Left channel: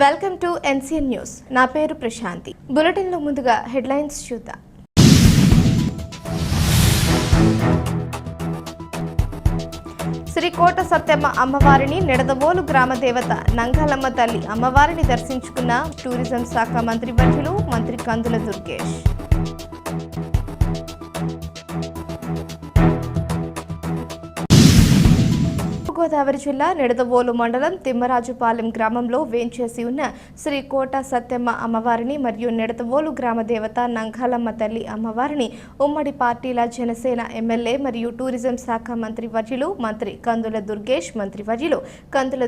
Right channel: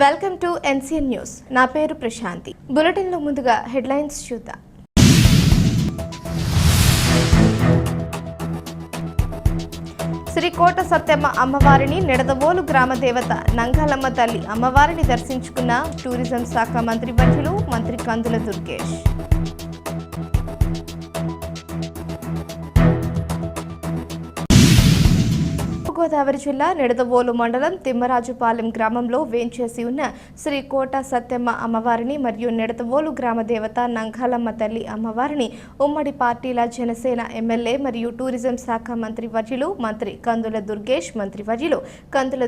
Welcome to NCN news. నా పేరు ప్రశాంతి. బులెటిన్లో ముందుగా హెడ్లైన్స్ చూద్దాం. శ్రీ కోట సత్యమ్మ అమ్మవారిని నిడదవోలు గ్రామ దేవత నంగాలమ్మ తల్లి అమ్మవారిని దర్శించుకున్న టూరిజం శాఖ మంత్రి వర్యులు మంత్రి కందుల దుర్గేష్. గోదావరి జిల్లా నిడదవోలు మండలం తిమ్మరాజుపాలెం గ్రామంలో వేంచేసి ఉన్న శ్రీ కోట సత్యమ్మ అమ్మవారిని మరియు నిడదవోలు గ్రామ దేవత నంగాలమ్మ తల్లి అమ్మవారిని ఉమ్మడి పార్టీల జనసేన ఎమ్మెల్యే మరియు టూరిజం శాఖ మంత్రి వర్యులు మంత్రి కందుల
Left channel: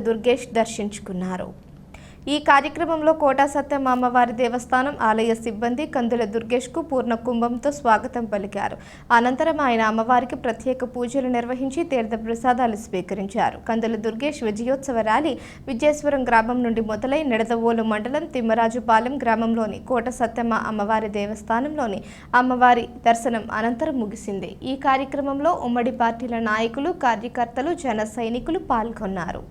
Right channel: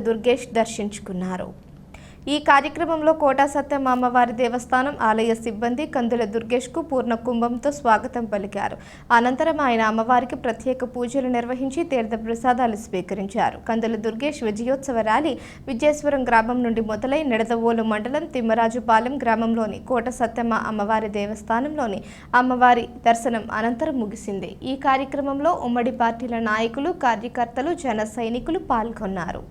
దుర్గేష్ దర్శించుకున్నారు. ఈ కార్యక్రమంలో కోట సత్యమ్మ అమ్మవారి దేవస్థానం ఆలయ సిబ్బంది కందుల దుర్గేష్కు పూర్ణ కుంభంతో స్వాగతం పలికారు. అనంతరం ఆయన అమ్మవారికి ప్రత్యేక పూజలు నిర్వహించి తీర్థ ప్రసాదాలు స్వీకరించారు. కందుల దుర్గేష్ విజయోత్సవ ర్యాలీ విజయేశ్వరం గ్రామం నుండి మొదలై నిడదవోలు మండలం తిమ్మరాజుపాలెం గ్రామంలోని కోట సత్యమ్మ అమ్మవారి దేవస్థానంలోని అమ్మవారి దర్శనం అనంతరం ముగిసింది. ఈ కార్యక్రమంలో ఉమ్మడి పార్టీల నాయకులు, కార్యకర్తలు, జన సైనికులు పాల్గొన్నారు.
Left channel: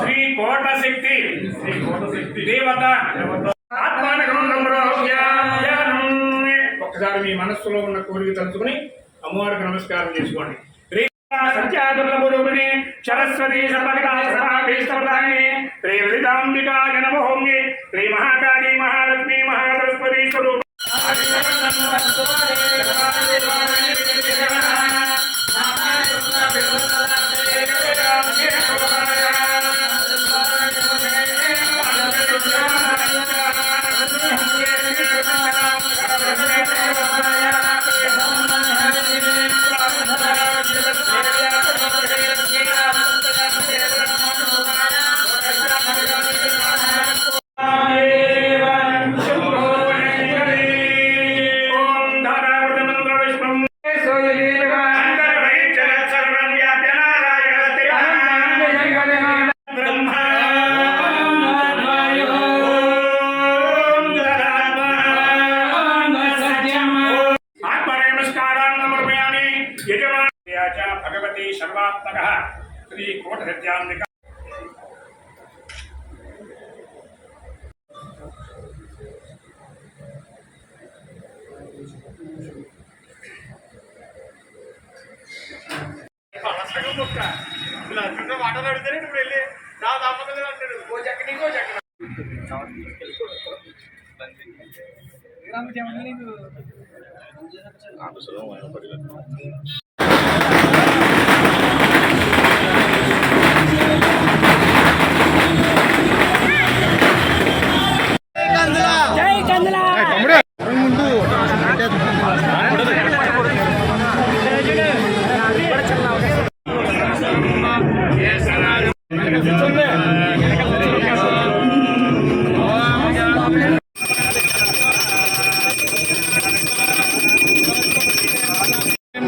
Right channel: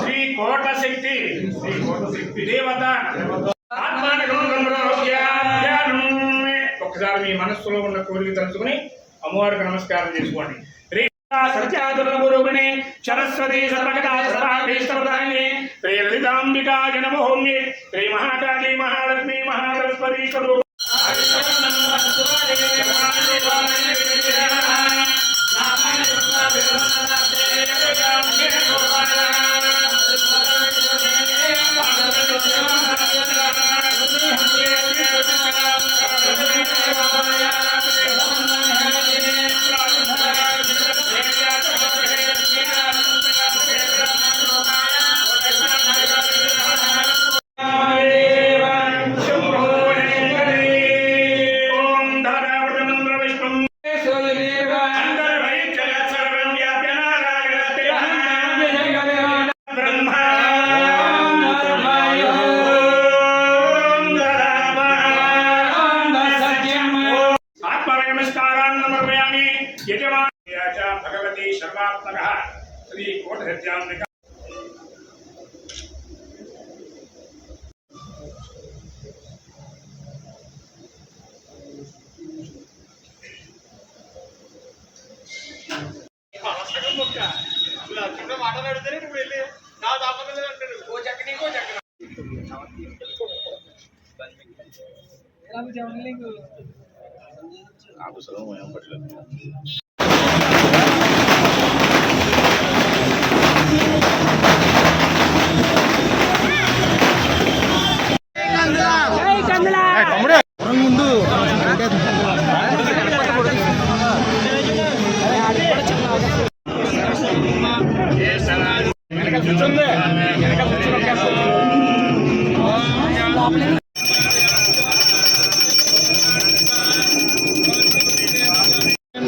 శ్రీ కోట శక్తి దేవత ఒకసారి మీ మనస్సులో ఉన్న కోరిక తలుచుకుని అమ్మవారికి నమస్కారం చేసుకోండి. సత్యాదుర్లభురుణి సరస్వతి సర్వకటాక్షరాభీష్టప్రదాయిని శ్రీ లలితాంబికాయ నమోమ్యే శ్రీ మహాకాళీ మహాలక్ష్మీ మహాసరస్వతి స్వరూప भगवती सर्वात्मकः श्री कोट सत्यान्विका మాట్లాడితేనే ఇప్పుడు వెళ్ళి నా దాపకలు అంటాడు ఓ చక్కని ఇంకో చక్కన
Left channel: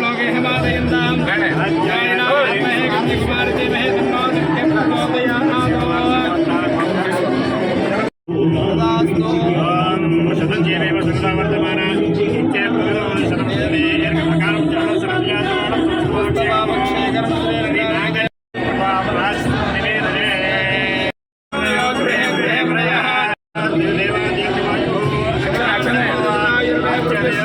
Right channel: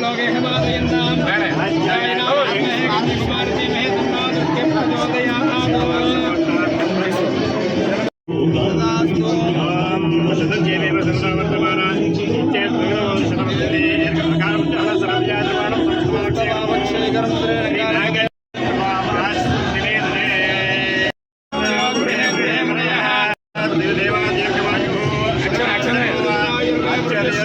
लोगे దేవా దీర్ఘమాయుః ఆచార్య